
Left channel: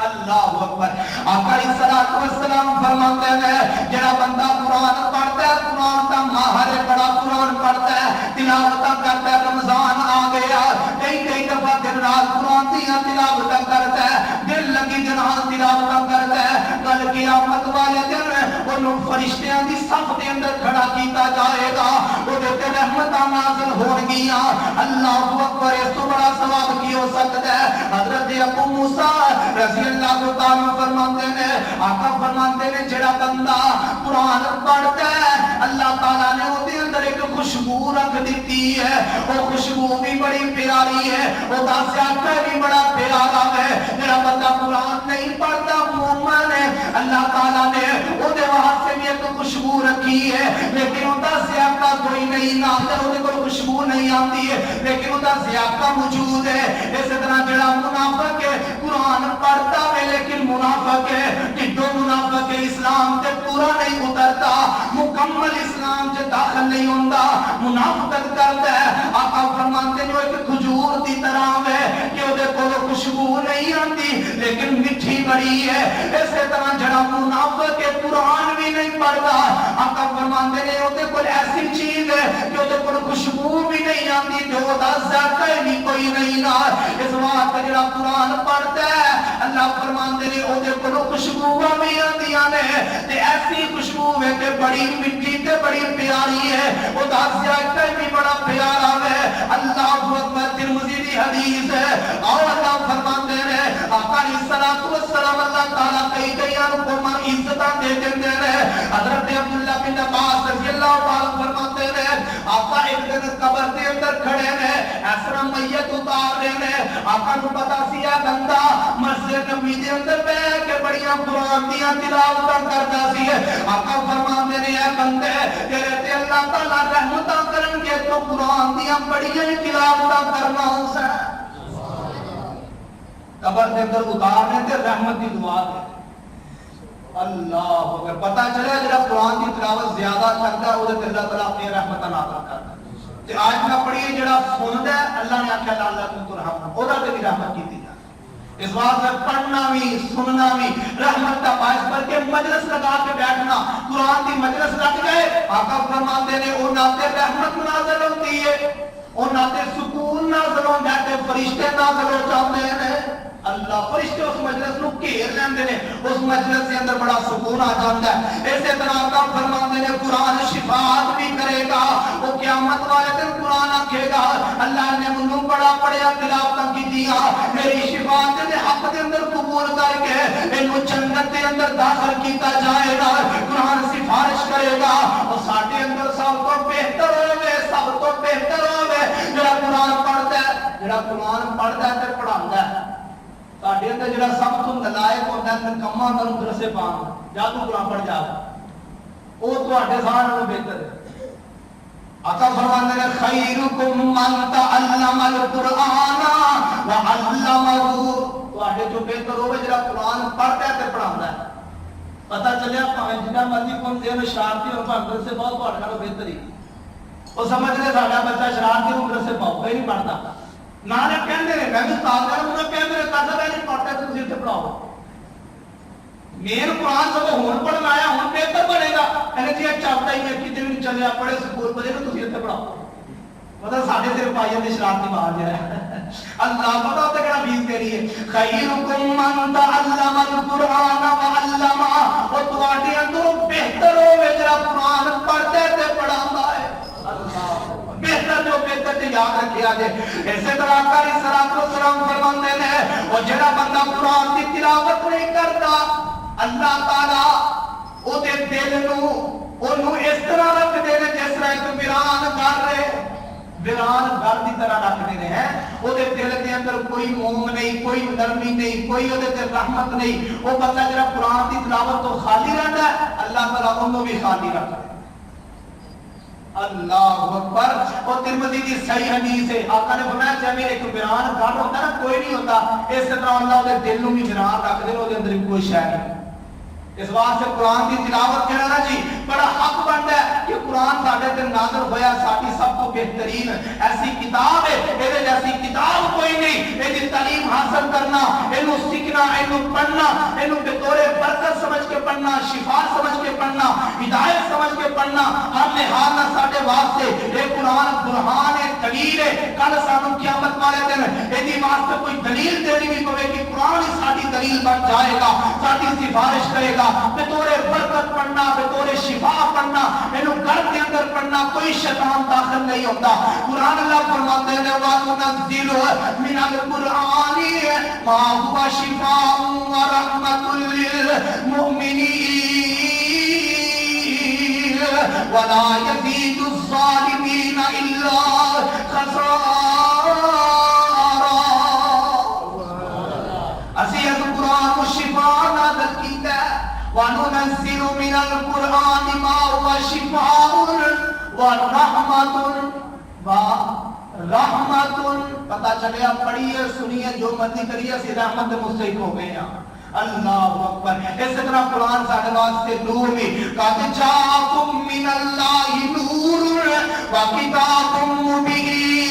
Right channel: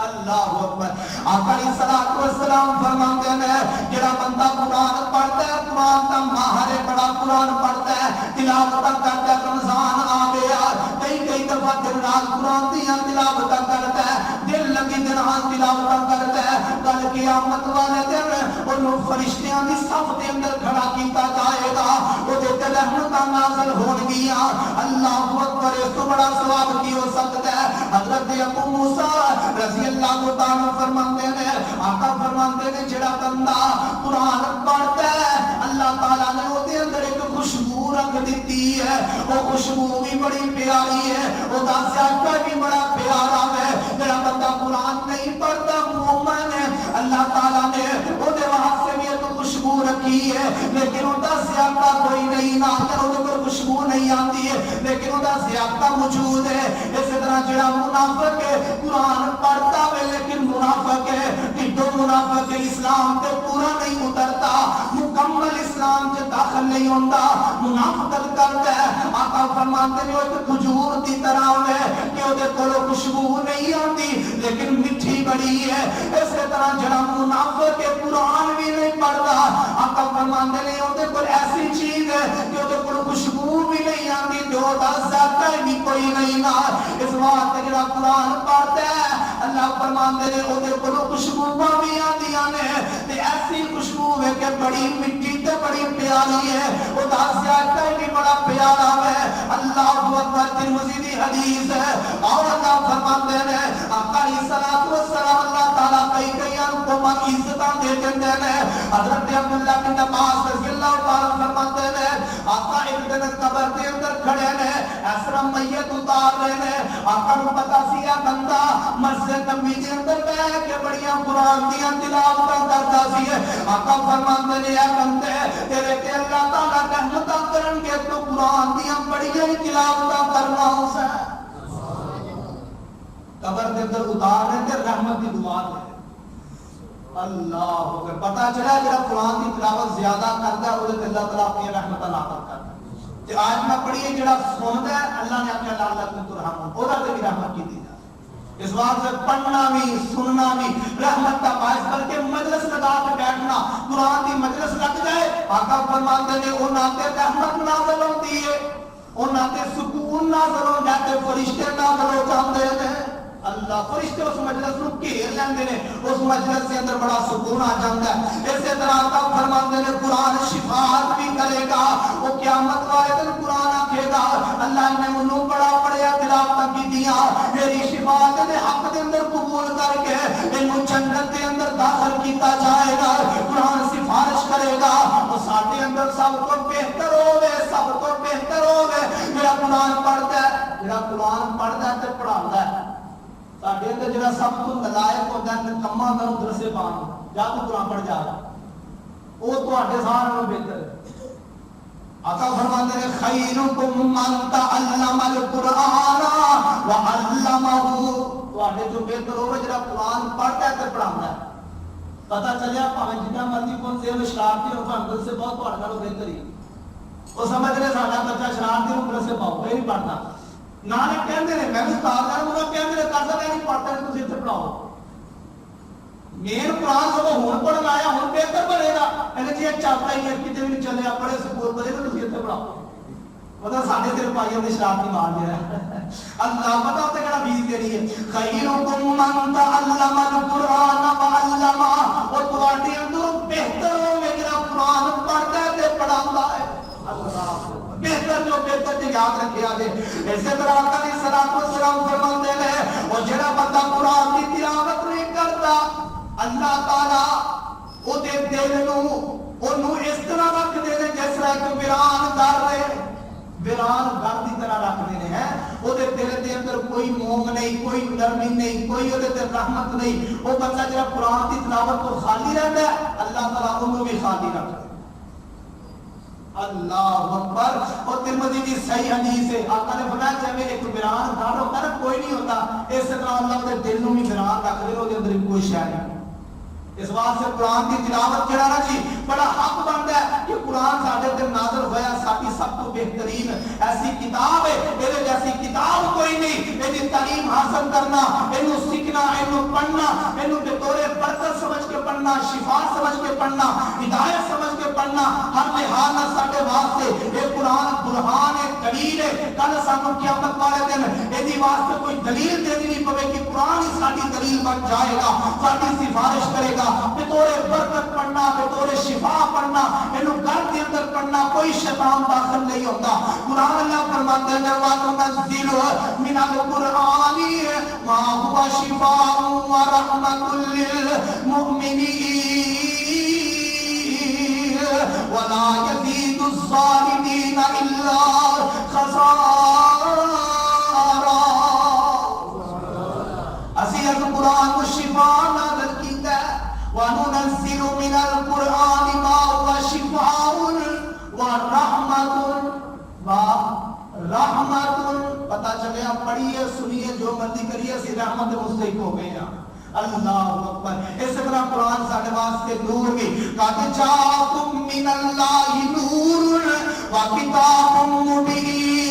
اللہ اکبر. آقا علیہ الصلوۃ والسلام فرماتے ہیں جڑا بندہ قرآن پڑھتا ہے, قرآن کا ماہر ہے, بڑا قرآن پڑھتا ہے, تلاوت کرتا ہے, رمضان آ گیا, کئی دفعہ دن رات قرآن دیاں تلاوت کرتا ہے, دل لگی دن رات تلاوت کرتا ہے, کل قیامت والے دن انہوں فرشتیاں دی صف دے اندر کھڑا کیتا جائے گا, وہ دے تے رحمتاں نازل ہون گیاں. اللہ اکبر. اس تو بڑا ثواب کی ہو سکتا ہے. حضرت ابو موسیٰ رضی اللہ تعالیٰ فرماتے ہیں, آقا فرماتے ہیں جڑا بندہ قرآن پڑھتا ہے, اللہ تعالیٰ نے وہ دے اندر ایک خوشبو رکھ دیتی ہے, وہ خوشبو بھی بڑی پیاری ہے, وہ دا سیاقہ بھی بڑا پیارا ہے. جڑا بندہ قرآن نہیں پڑھتا مومن ہے, اللہ تعالیٰ نے وہ دے واسطے بھی ایک خوشبو رکھی ہے, لیکن وہ دا سیاقہ کوئی نہیں, نہ وہ دے کوئی خوشبو نہیں آتی ہے, لیکن وہ دا سیاقہ موجود ہے. اس طرح جڑا منافق ہے قرآن پڑھتا ہے لیکن منافق ہے, ٹھڈو منافق ہے, اسلام تے پورا نہیں اترتا, مکمل اسلام سے داخل نہیں ہوتا, منافقت کرتا ہے. آقا فرماتے جو ایک کھجور دی طرح ہے کہ وہ دے کولو خوشبو نہیں آتی لیکن میٹھی بڑی ہے. اسی طرح جڑا منافق ہے قرآن بھی نہیں پڑھتا, آقا فرماتے کوئی نہیں نا اس واسطے جڑا قرآن پڑھتا ہے اللہ فرماندے نے او دے کولوں خوشبوواں بھی آندیاں نے تے ایسی خوشبو ہے کہ بڑی مٹی تے بڑی پیاری ہے او دا ذائقہ بھی بڑا پیارا ہے اللہ اکبر ترمذی دی حدیث ہے اور اللہ فرماندے نے آقا علیہ الصلوۃ والسلام اللہ تعالی کئی کو عزتاں دے دیندے نے حضرت عبداللہ بن عباس رضی اللہ تعالی فرماتے ہیں آقا ایک دن قبر دے اندر کھڑے نے اس طرح میت اتار رہے نے آقا نو پتا سی اے بندہ مسجد نبی دے اندر بیٹھ کے بڑیاں قرآن دیاں تلاوتاں کردا سی آقا فرماندے نے اے بندے تیرے تے اللہ تعالی رحمتاں کرن گے تو قرآن دیاں بڑیاں تلاوتاں کرنا اس قبر دے اندر اتارنے تے رحمت دی دعا دے اللہ اگر پتہ چلا جڑا قرآن کی تلاوت زیادہ کرتا ہے وہ اللہ تعالیٰ اپنی رحمتہ نازل کرتا ہے تے آج نہ پڑھیے جڑا سندا ہے اللہ نے آکھیا لعلکم ترحمون او دا تے بھی رحمت کیتی جائے اس واسطے پڑھنا بھی سننا بھی رحمت کا باعث کر کے مجلس لگا کے بیٹھنا قرآن کی مجلس لگ جائے آقا فرماتے نے او ناتے رحمت نازل ہوتی ہے او ناتے سکون نازل ہو جاتے فرشتے نازل ہو جاتے ہیں اللہ فرشتے اس مجلس نو گھیر لیندے نے اس مجلس کے اندر بڑا سکون آ جاتا ہے اسی طرح کا فرماندے نے قرآن شفاعت بھی کرے گا وہ قیامت والے دن قرآن آکھے گا اللہ نے منو بڑا پڑھیا تلاوت کیتیاں میری شفاعت دے حق دے اندر قبول کر کے اینو جنت دے اندر داخل کیتا جائے گا قرآن سفارش کرے گا اور ساڈے اندر سب تو بہتر ہوے سب تو بہتر ہوے جڑا قرآن پڑھدا ہے جڑا قرآن پڑھدا ہے تے پڑھاوندا ہے ساڈے اندر جڑا سب تو نالائق ہوندا ہے نکما ہوندا ہے مدرسے پاک جا تو قرآن پڑھ جا او تواڈے سارے نالوں بہتر ہے آقا فرماندے نے خیرکم من تعلم القرآن وعلمہ تواڈے جو بہتر ہوے جڑا قرآن پڑھدا ہے تے پڑھاوندا ہے پتہ چلیا بھاویں جتنا مرضی کون سے شرارتی ہو بھاویں مدرسے پاؤ تواڈے نالوں بہتر ہی او سمجھ لے ساڈا بچہ شرارتی ہو مدرسے پاؤ کوئی نہیں پڑھدا نانے کہندے نے میں بھی استاد کر انہاں کہندے نے کاسا میں نہیں پڑھتا تسی تے پڑھاؤ مین قرآن سب ہن پڑھن آیا ہن بہتر بنے گا کہنے جی چلتا ہی ہے کتے بھی چلے پڑھے سکول بجے تو تسی تے پڑھاؤ مطلب ساڈے صرف پائیاں دی شرارتی مار دیا ہے اللہ پتہ تے کہڑا بیس دینی ہے خیرکم من تعلم القرآن وعلمہ او تواڈے اندر بہتر ہوے جڑا قرآن پڑھدا ہے تے پڑھاوندا ہے اللہ بہتر جو بہتر تے یاد رکھیا جے اسی طرح آقا علیہ الصلوۃ والسلام فرماندے نے او جڑا بندہ قرآن دی تلاوت نہیں کرتا اللہ تعالی او دے دل نو اونوں اس طرح رکھ دے نے جس طرح ایک ویران گھر دی طرح رکھ دے ہیں او دے دل دے اندر کوئی موم نہیں کوئی نرمی نہیں کوئی او دے تے رحمت نہیں او بندہ جڑا قرآن دی تلاوت تو خالی رہندا ہے اللہ تعالی اونوں بھی خالی رکھدا ہے اللہ اکبر اور ترمذی کی صحیح حدیث ہے آقا نے فرمایا جب ایک ویران گھر ہوتا ہے نا کوئی نہیں ہوتا اس طرح اللہ دے دل نو بھی ویران رکھ دے او دے اندر کوئی شے نہیں اس واسطے قرآن کی تلاوت جڑا نا جی بڑا حق بنتا ہے کہ قرآن ساڈے تے نازل ہویا ساڈی سب تو بہترین ایسی کتاب ہے اے جیسی کتاب کوئی نہیں اے دی تعلیم حاصل کرنا اینو سیکھنا اینو پڑھنا اینو بطور برکت سمجھ کے پڑھنا شفا سمجھ کے پڑھنا ہدایت سمجھ کے پڑھنا ہر لحاظ نہ ساڈے واسطے اے قرآن برہان ہے دلیل ہے کل سانو قیامت والے دن اے دی واسطے کوئی دلیل دینی نہیں پوے کہ قرآن ساڈی دلیل بن جائے گا ساڈی سفارش کرے گا بطور برکت پڑھنا بطور شفا پڑھنا اینو گھر کے اندر پڑھنا کوئی شیطان داخل نہیں ہوتا قرآن اللہ فرماتے ہیں وَنُنَزِّلُ مِنَ الْقُرْآنِ مَا هُوَ شِفَاءٌ وَرَحْمَةٌ لِلْمُؤْمِنِينَ وَلَا يَزِيدُ الظَّالِمِينَ إِلَّا خَسَارًا اسی از قرآن کو شفا نازل کیتا ہے وَنُنَزِّلُ مِنَ الْقُرْآنِ مَا هُوَ شِفَاءٌ وَرَحْمَةٌ پتہ چلے آپ پڑھیے سنیے جو مرضی کریے اسی رحمت مستحق ہو گئے ہیں اللہ اکبر اس طرح قرآن ساڈے واسطے نور بھی قَدْ جَاءَكُم مِّنَ اللَّهِ نُورٌ وَكِتَابٌ مُبِينٌ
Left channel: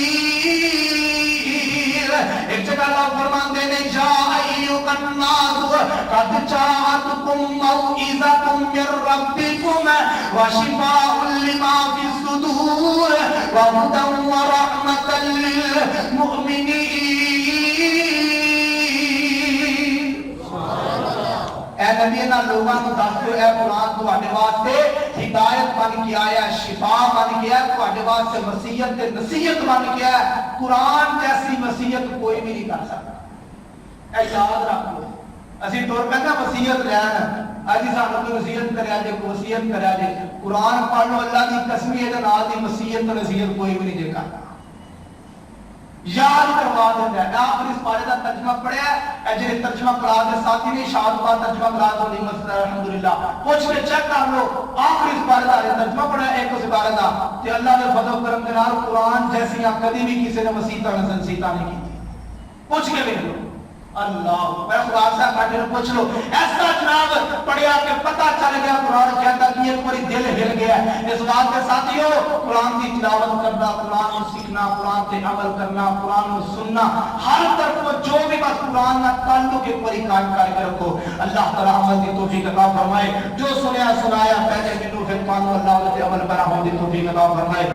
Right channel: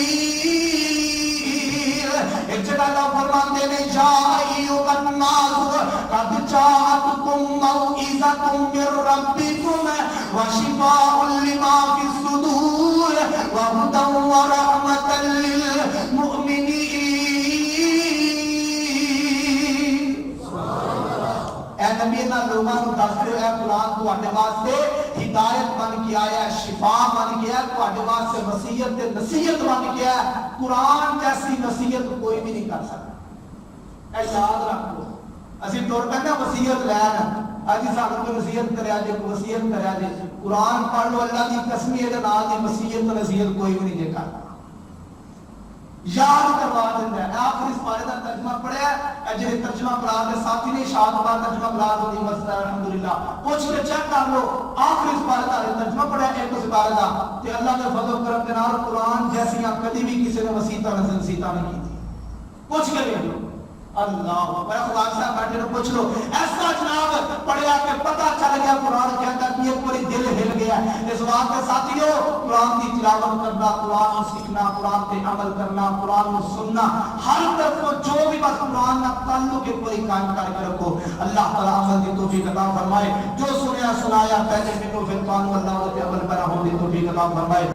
ایک جگہ اللہ فرماتے ہیں جا ایھا الناس قد جاءتکم موعظۃ من ربکم وشفاء لما فی الصدور وهدى ورحمة للمؤمنین انہاں لوگاں نوں دس دیو اے قرآن تواڈے واسطے ہدایت بن کے آیا ہے، شفا بن کے آیا ہے، تواڈے واسطے وصیت تے نصیحت بن کے آیا ہے۔ قرآن جیسی وصیت کوئی بھی نہیں کر سکتا، اے یاد رکھ لو۔ اسی ٹور پہ نا وصیت لین اجی سانو کوئی نصیحت کریا جے، کوئی وصیت کریا جے، قرآن پڑھ لو، اللہ دی قسم ہے نال دی وصیت تے نصیحت کوئی بھی نہیں جے کرتا، یاد کروا دیتا ہے۔ آخر اس پارے کا ترجمہ پڑھیا ہے، جی ترجمہ قرآن کے ساتھی نے شاد بار ترجمہ قرآن کو نہیں مسئلہ الحمدللہ پوچھ کے چیک کر لو، آخر اس پارے کا ترجمہ پڑھیا ہے ایک اس پارے کا، کہ اللہ نے فضل و کرم کے نال قرآن جیسی یا کبھی بھی کسی نے مسیطہ نسیطہ نہیں کی تھی، پوچھ کے دیکھ لو۔ اللہ خدا صاحب بیٹھے نے پوچھ لو، ایسا جناب پڑھیا کہ پتہ چل گیا قرآن کہتا کہ یہ پوری دل ہل گیا ہے۔ اس بات کے ساتھیو قرآن کی تلاوت کرنا، قرآن کو سیکھنا، قرآن پہ عمل کرنا، قرآن کو سننا، ہر طرف جو بھی بس قرآن کا تعلق ایک بڑی قائم کر کے رکھو۔ اللہ تعالی عمل کی توفیق عطا فرمائے، جو سنیا سنایا پہلے منو پھر مانو، اللہ علیہ عمل پر ہونے کی توفیق عطا فرمائے۔